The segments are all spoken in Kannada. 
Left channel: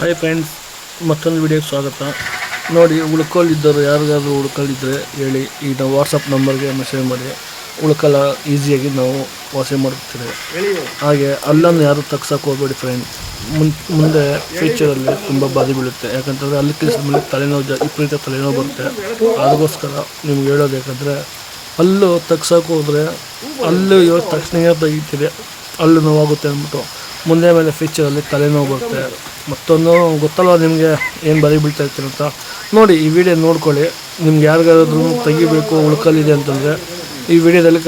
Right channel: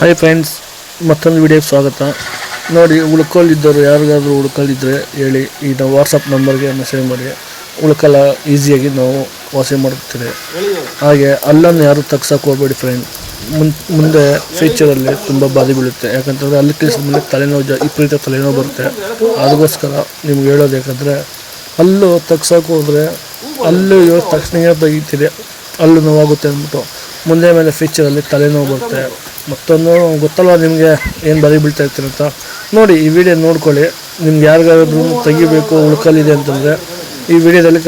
ಹಾಯ್ ಫ್ರೆಂಡ್ಸ್, ಮತ್ತೊಂದು ವಿಡಿಯೋಗೆ ಸ್ವಾಗತ. ನೋಡಿ, ಉಳ್ಕೊಳ್ಳಿದ್ದವರು ಯಾರಿಗಾದರೂ ಉಳ್ಕೊಳ್ಳಿದ್ರೆ ಹೇಳಿ, ಈ ನಾವು ವಾಟ್ಸಪ್ ನಂಬರ್ಗೆ ಮೆಸೇಜ್ ಮಾಡಿ. ಉಳ್ಕಲ್ಲ ಈಸಿಯಾಗಿ ನಾವು ವಾಸಿ ಮಾಡ್ತೀವಿ. ಹಾಗೆ ಅಲ್ಲನ್ನು ಯಾರು ತಗ್ಸೋಕೆ ಹೋಗಬೇಡಿ ಫ್ರೆಂಡ್. ಮುಂದೆ ಫ್ಯೂಚರಲ್ಲಿ ತುಂಬ ಬಾಧೆ ಬೀಳುತ್ತೆ. ಯಾಕಂತಂದರೆ ಅಲ್ಲಿ ಕೆಲಸದ ಮೇಲೆ ತಲೆನೋವು ವಿಪರೀತ ತಲೆನೋವು ಬರುತ್ತೆ. ಅದಕ್ಕೋಸ್ಕರ ನಿಮ್ಗೆ ಹೇಳೋದು ಯಾಕಂದರೆ, ಹಲ್ಲು ತಗ್ಸೋಕೆ ಹೋದರೆ ಹಲ್ಲು ಇವಾಗ ತಕ್ಷಣ ತೆಗಿತೀರಿ, ಹಲ್ಲು ನೋವಾಗುತ್ತೆ ಅಂದ್ಬಿಟ್ಟು ಮುಂದೆ ಮೇಲೆ ಫ್ಯೂಚರಲ್ಲಿ ತಲೆನೋವು ಬರುತ್ತೆ. ಮತ್ತೊಂದು ಗೊತ್ತಲ್ವ ನಿಮಗೆ ಏನು ಬರೀ ಬೀಳ್ತಾ ಇರ್ತೀರಂತ. ನೋಡಿ, ಈ ವಿಡಿಯೋ ನೋಡ್ಕೊಳ್ಳಿ. ನಿಮ್ಗೆ ಯಾರಿಗಾದ್ರೂ ತೆಗಿಬೇಕು ಉಳ್ಕಲ್ಲಿದೆ ಅಂತಂದರೆ ಈ ವಿಡಿಯೋದಲ್ಲಿ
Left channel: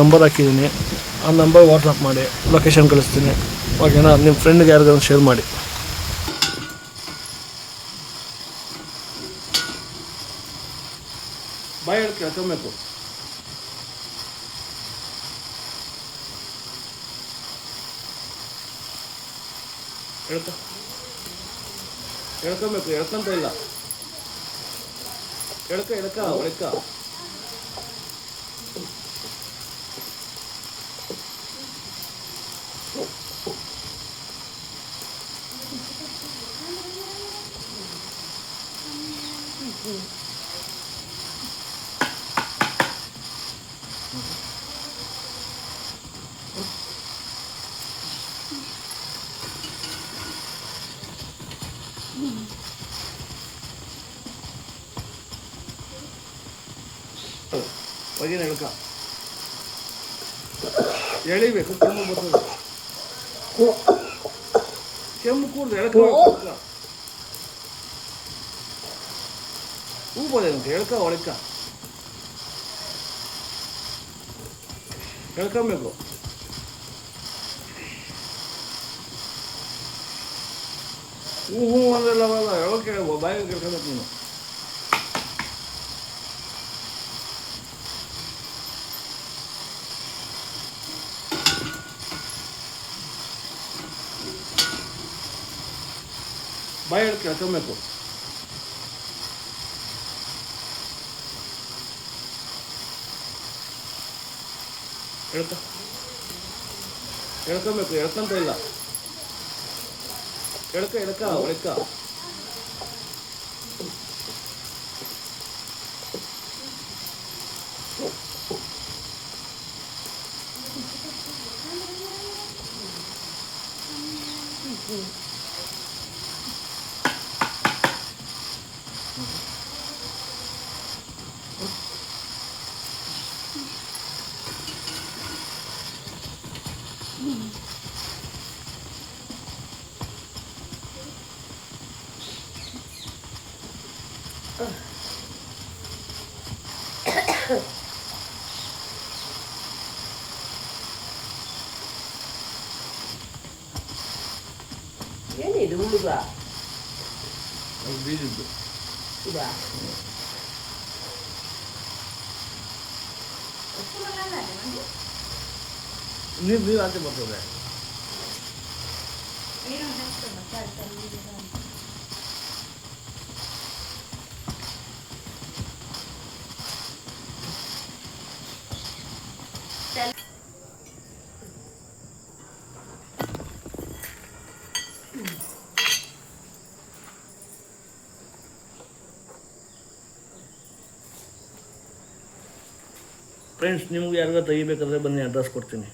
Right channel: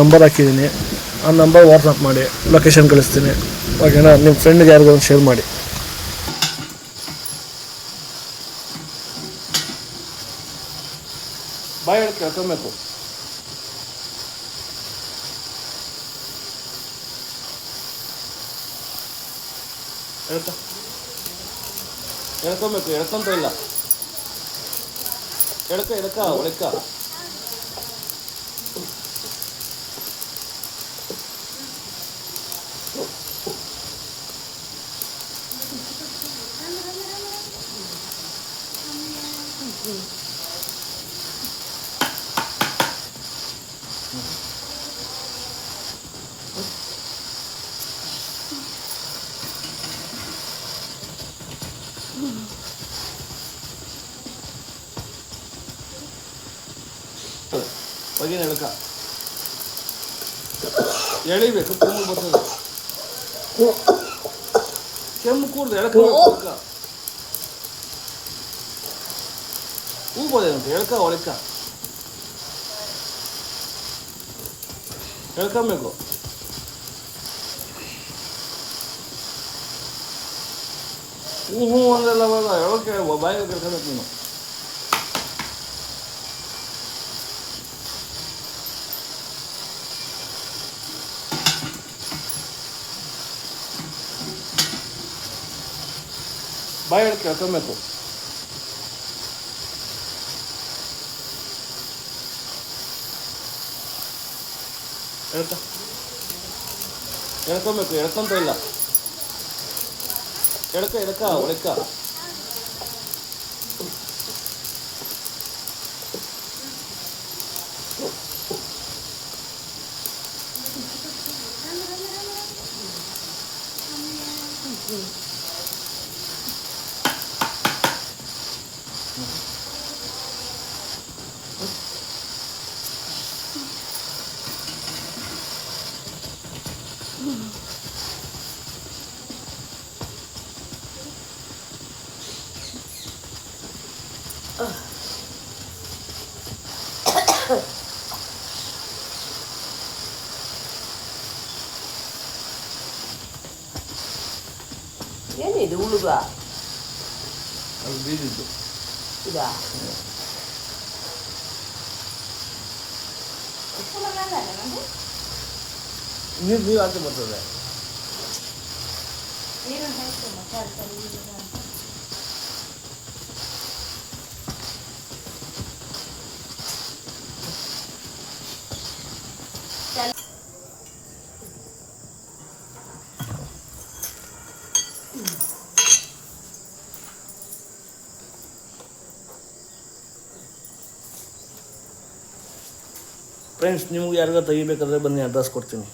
ನಂಬರ್ ಹಾಕಿದ್ದೀನಿ. ಆ ನಂಬರ್ ವಾಟ್ಸಪ್ ಮಾಡಿ, ಲೊಕೇಶನ್ ಕಳಿಸ್ತೀನಿ. ಓಕೆನಾ? ನಿಮ್ಮ ಫ್ರೆಂಡ್ಗೆ ಯಾರಿಗಾದ್ರೂ ಶೇರ್ ಮಾಡಿ. ಬಾಯ್ ಹೇಳ್ತೀವಿ ಹತ್ತೊಂಬತ್ತು ಎಳ್ಕೊಬೇಕು, ಎಳ್ಕೊಂತ ಇಲ್ಲ. ಎಳ್ಕ ಒಳಕ್ಕ ಹೊಗಿನ ಎಳ್ಕ ಎಳಿಬೇಕು. ಕೆಮ್ಮು ಬರ್ತದೆ, ಕೆಮ್ಮು ಕೂರ್ದು ಎಳ್ಕ ಹೂಬೋದೇನಂತ ಎಳ್ಕ ಒಳಕ್ಕ ಎಳ್ಕೊಬೇಕು. ಹೂ ಅಂದ್ರಲ್ಲ ಅವಾಗ ಎಳಕ್ಕೆ ಬಾಯಿಗೆ ಕೆಳ್ಕೊಬೇಕು ನೀನು. ಬಾಯಿ ಹೇಳ್ಕೆ ಹತ್ತೊಂಬತ್ತು ಎಳ್ಕೊಬೇಕು, ಎಳ್ಕೊಂತ ಇಲ್ಲ. ಎಳ್ಕ ಒಳಕ್ಕ ಏನಿದು ಹುಳುಗ? ಅದು ಬೀಳಿದ್ದು ಇದಾ? ನೀರು ಹಾಕಿ ಬರ್ತದೆ. ಫ್ರೆಂಡ್ಸ್, ನಿಮ್ಗೆ ಯಾರಿಗೂ ತೆಗಿಬೇಕಾದ್ರೆ ಬನ್ನಿ, ಅಡ್ರೆಸ್ ಕೊಡ್ತೀನಿ.